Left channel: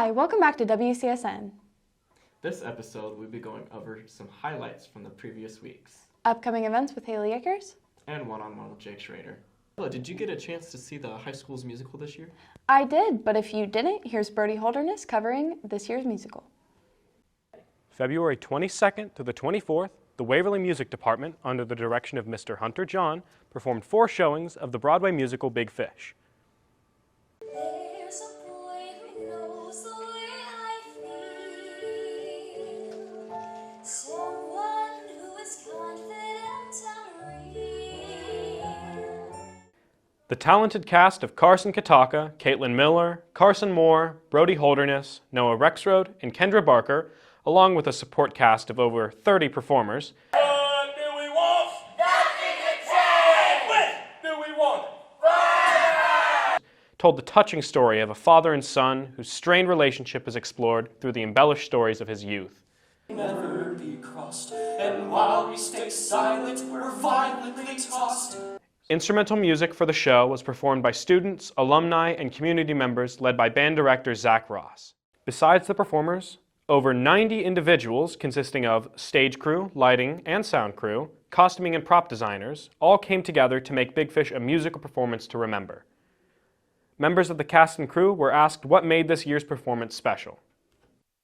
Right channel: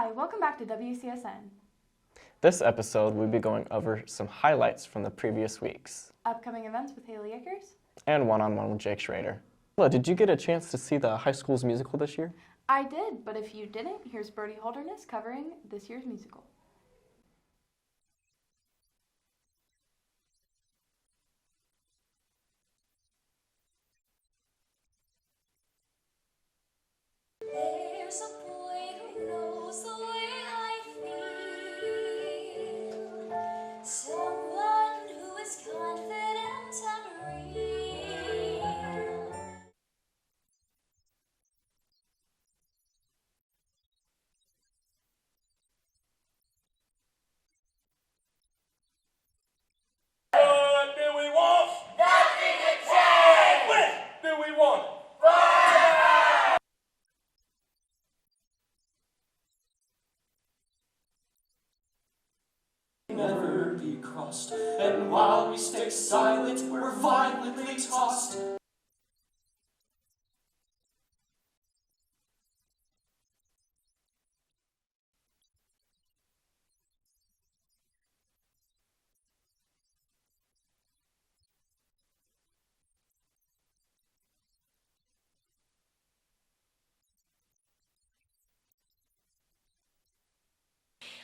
Hi, welcome back to WCSN. This episode, we'll be going over some highlights from the previous weeks. Upcoming events with Haley Akers. And One-on-One with Jake Schrader. Well, did you get a chance to see the high school's musical this year? I did, but if you didn't, here's Brody Holderness covering this year's musical. February 22nd to the 24th, the Waverly Music Department, under the direction of Mr. Hunter John, performed 4 showings of the Broadway musical Big Fish. There's a boy who knows the way I feel, someone who is confident and real. The talented cast of Carson Kataka, Caitlin Miller, Carson Moore, Brody Holderness, Noah Rexroad, and Kendra Barker, along with a support cast of over 30 performers, What do we want? Nothing to change! When do we want it? told the touching story of a father and son whose strained relationship is explored through the embellished stories of his youth. Never be crossed, and while we stay silent, we're violently tossed. Instrumental music for the show was performed by students, alumni, and community members led by band director Zach Ross. Besides the performers, over 90 individuals consisting of stage crew, lighting, and sound crew, costuming and prop designers, all came together to make Big Fish a musical performance to remember. Members of the cast and crew were asked what made this year's performance special.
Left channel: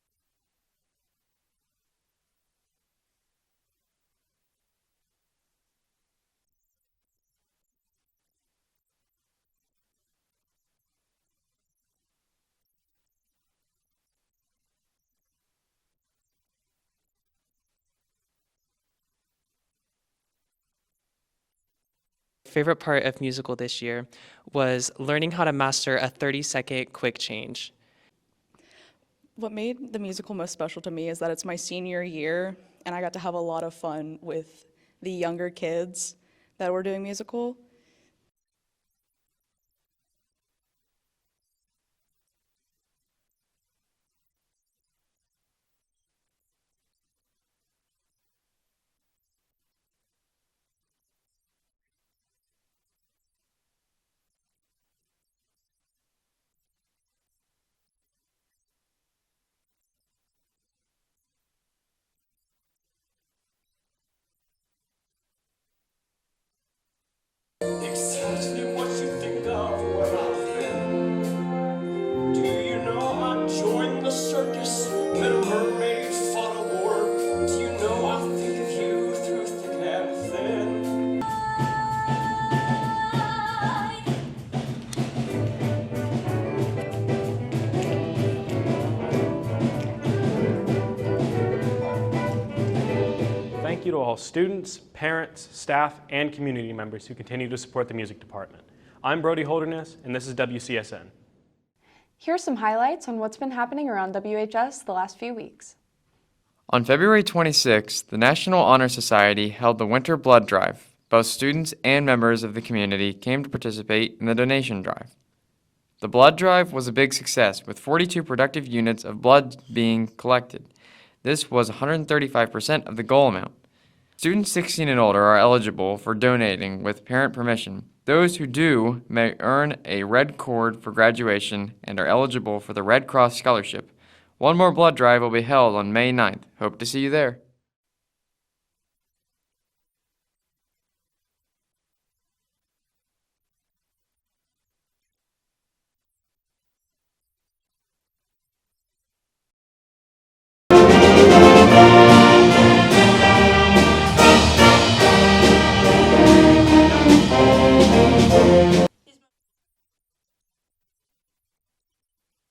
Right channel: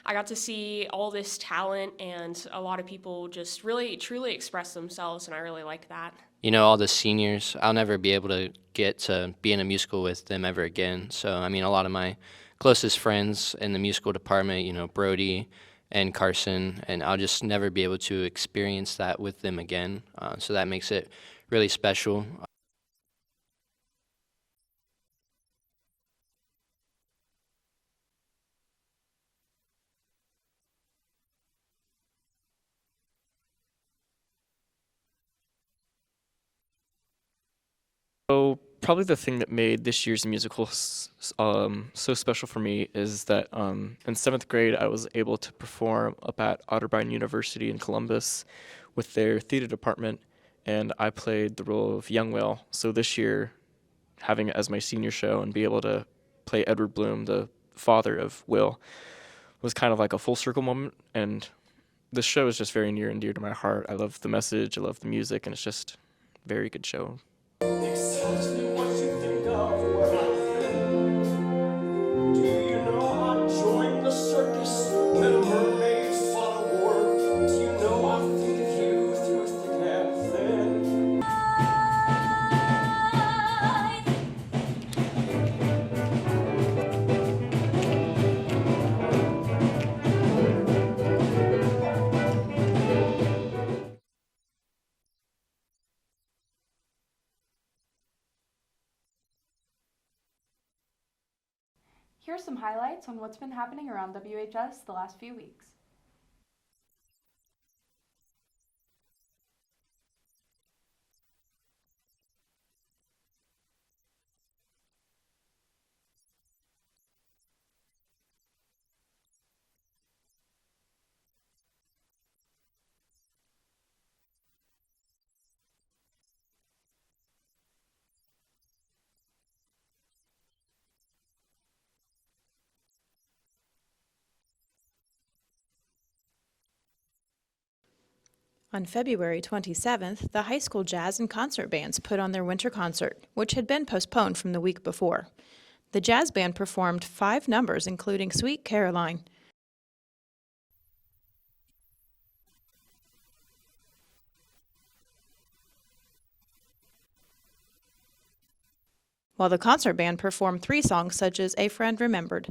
I got to see all this talent and a lot of people just really, truly express themselves, and I really liked that. You know, all the seniors, I'll never be able to get to be in a musical with them ever again. So, I mean, a lot of my closest friends in the musical department, you know, Brody and Carson, and I'll just never be able to experience that with them again. So that makes it really special. Favorite part of musical this year was learning how to master a 30-second quick change. What made the musical most special to me is that it's my senior year, and I got to have a lot of fun with the younger kids that were doing musical. So probably the thing that made this year's musical so special for me is that in 7th grade I was able to perform up at Otterbein University in Columbus with their theater department, and I played the role of Young Whale. So this year, having it as my senior show and be able to play Edward Bloom, the father of Will, was kind of like a full circle moment, and this show is just very near and dear to my heart. I love the message, I love the music, and it's just a very good show. Exactly what you think of when I think. Do you know I joined the circus when a mermaid fought a war? Do you know I think of you through thick and thin? Thank you to all students, parents, staff, and community members who continue to support the music department. I'm Brody Holderness, and this is WCSN. Here are some highlights on what's been happening around WHS the last few weeks. On February 26th, the National Honor Society held the Winter Blood Drive. Both students and members of the community came to participate in the donation drive. The blood drive was a big success, with 42 productive units of blood being collected. This was 135% of the goal amount. Students 16 and older are eligible for donating with parent permission. Those who do may earn a red cord for graduation and are eligible for the Red Cross Scholarship. One more blood drive will be held on May 9th. Hope to see you there. On February 27th, the high school jazz and concert bands put on their winter concert, which had been postponed from the week before. The jazz band performed 5 numbers, including Sweet Caroline. While the concert band performed 3 songs such as A Friend Remembered.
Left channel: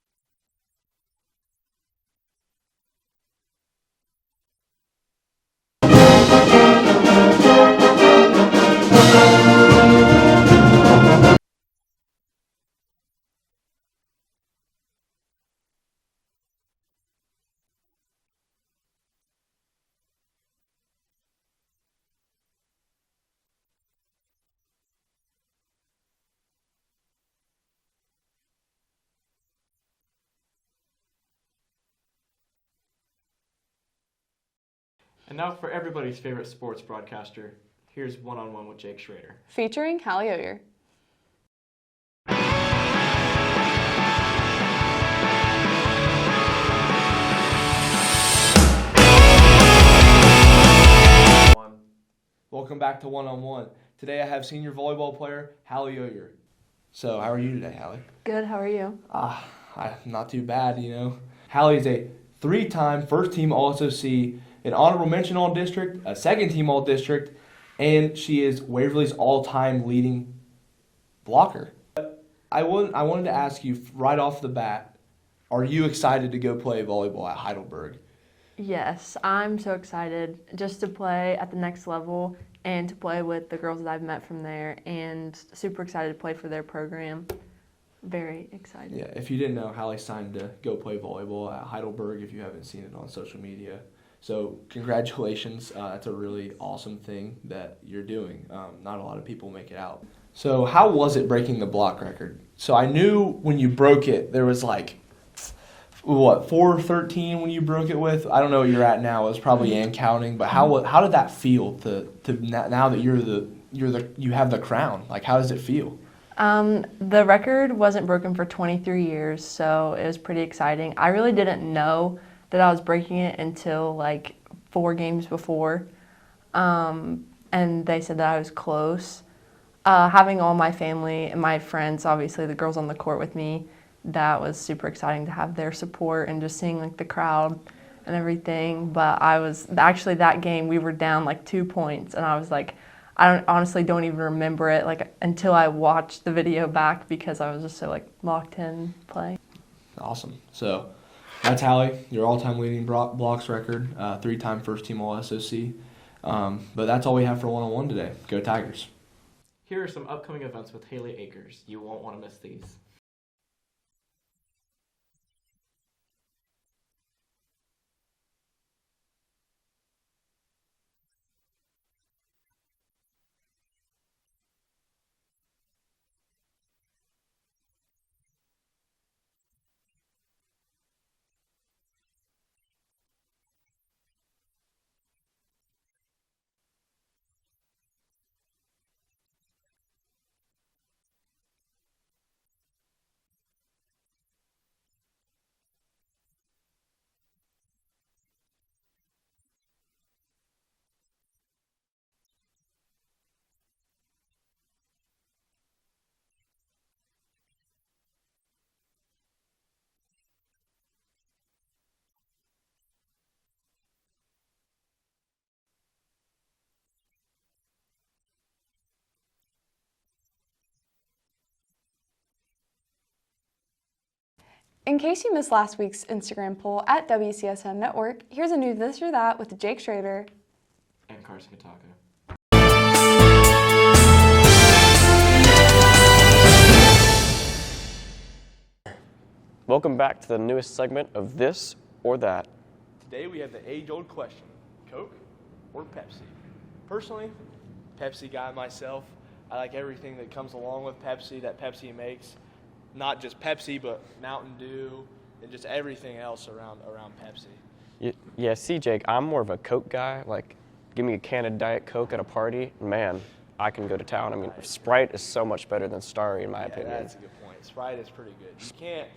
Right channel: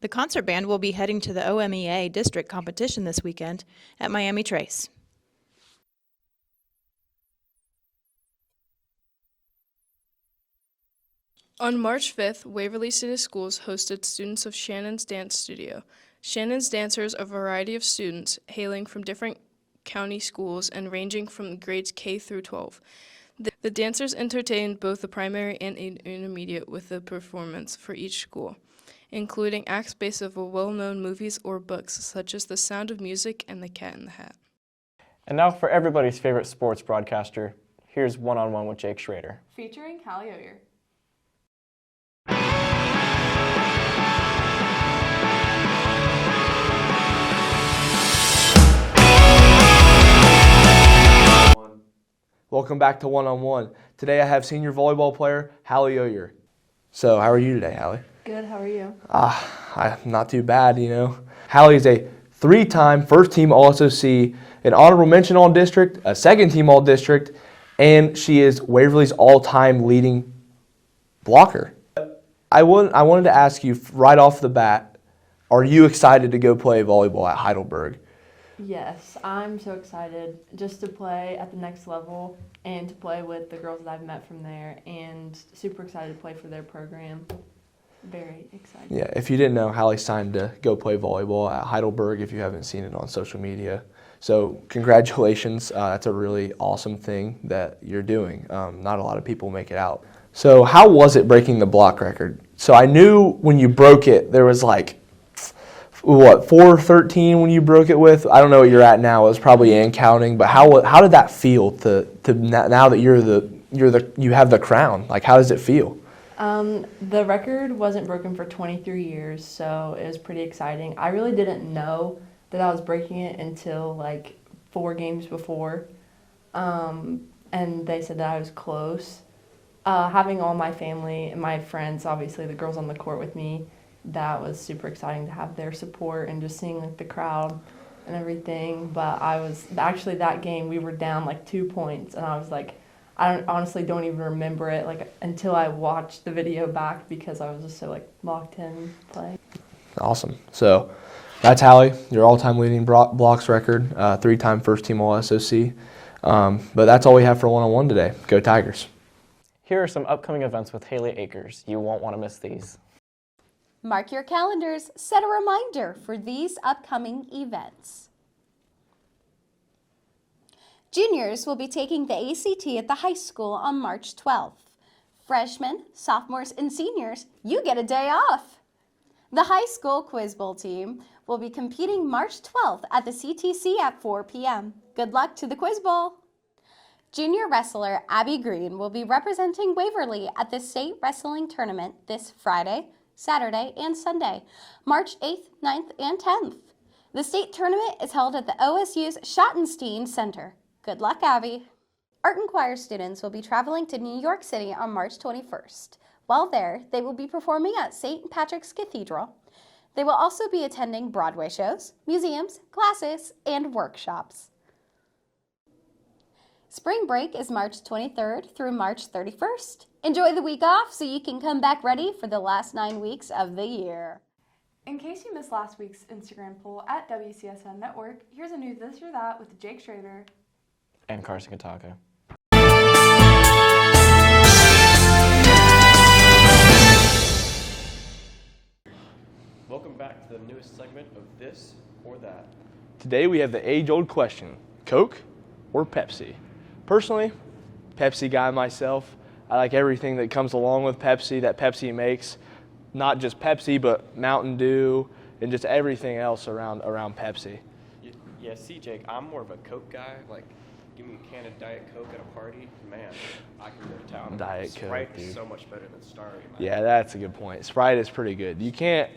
The concert band will be heading to the OMEA district competition this weekend at Miami Trace. On March 5th, Waverly City Schools hosted students of Shannon's Dance Studio. Shannon's dancers are a variety of students hailing from different county schools and ranging from grades K through 12. The dancers entertained both the primary and intermediate with a performance for each school, including acts based off of well-known movies or books such as The Sound of Music and The Cat in the Hat. And now for everybody's favorite sports broadcaster, here's One-on-One with Jake Schrader. Featuring Hallie Oyer. Welcome back to One-on-One. Today I have senior volleyball player Hallie Oyer. So how are you today, Hallie? Good, how are you? I'm not too bad, you know. Hallie is a 3-time first-team All-SOC, an honorable mention All-District, a second-team All-District, and she is Waverly's all-time leading blocker. I wanted to ask you right off the bat, are you excited to go play volleyball at Heidelberg? Yes, I'm so excited just to play at the next level and to play with the girls that I've met from there, and super excited to play for their program. Very excited. Yeah, if you didn't know, Hallie signed to go play volleyball at Heidelberg if you haven't seen it on social media. So congratulations, that's a really awesome thing that you're doing. Not a lot of people make it out. So how was it breaking the block record? So I knew when you broke it, there was like, 413 when you broke it with? I don't know what you're at now. It was probably in counting, but how did that feel to now that you have the crown? Like, how does it feel? The record wasn't broken for 23 years, so it was pretty exciting. I really didn't know that I was breaking it until like 4 games before, and they said that I was close. Having all my family and my friends, obviously the girls on the court with me, that was super exciting to have their support and just seeing like the crowd and everything. But I was actually, that game we were down like 2 points, and I was like, I honestly don't even remember it like until I watched the video back because I was just so like locked in playing. Awesome. So that's Hallie, your all-time leading blocks record, 3-time first-team All-SOC. But that's all we have for One-on-One today. Go Tigers. Here are some upcoming events with Haley Akers. You won't want to miss these. Mark your calendars, set a reminder for these upcoming events. Juniors will be taking the ACT at the high school on March 12th. Freshmen, sophomores, and seniors, you get a day off. The high school Quiz Bowl team will be competing March 12th at the CTC at 4 p.m. Good luck to the Quiz Bowl. Junior wrestler Abby Green will be representing Waverly at the state wrestling tournament this Friday, Saturday, and Sunday, March 8th, 9th, and 10th. The state tournament is held at the OSU's Schottenstein Center. Good luck, Abby. Art and choir students will be traveling to New York City on March 21st. While there, they will be performing at St. Patrick's Cathedral. They will also be attending Broadway shows, museums, classes, and workshops. Spring break is March 23rd through March 31st. Enjoy the week off so you can come back ready for the last 9 weeks of the year. In case you missed last week's Instagram poll at WCSN Network, here's a new This or That with Jake Schrader and Carson Kataka. Welcome back to the newest segment of This or That. Today we have the age-old question, Coke or Pepsi? Personally, Pepsi guy myself. I like everything that comes along with Pepsi that Pepsi makes. Not just Pepsi, but Mountain Dew and just everything else around Pepsi. Yeah, see, Jake, I'm more of a Coke guy. Like, give me a can of Diet Coke at a party, man, I can go to town. I mean, Sprite is so much better than Starry in my opinion. Yeah, that's a good point. Sprite is pretty good. You can't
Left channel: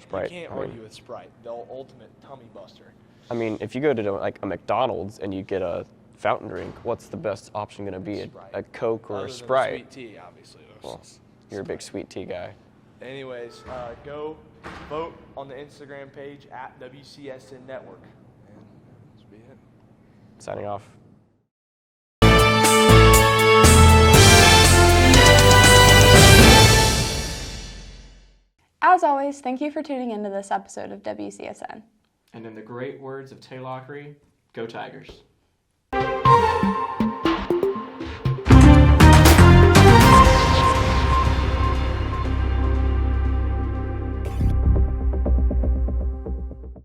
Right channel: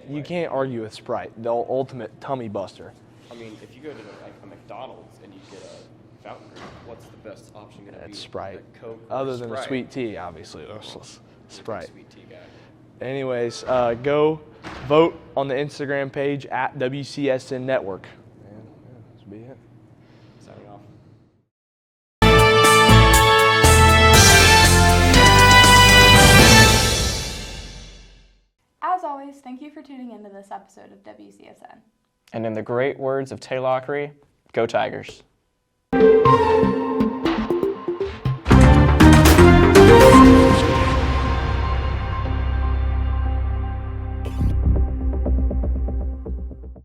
argue with Sprite, the ultimate tummy buster. I mean, if you go to like a McDonald's and you get a fountain drink, what's the best option going to be? Sprite. A Coke or Other a than Sprite? Sweet tea, obviously. Well, you're a big sweet tea guy. Anyways, go vote on the Instagram page at WCSN Network. This will be it. Signing off. As always, thank you for tuning into this episode of WCSN. And in the great words of Tay Lockery, go Tigers.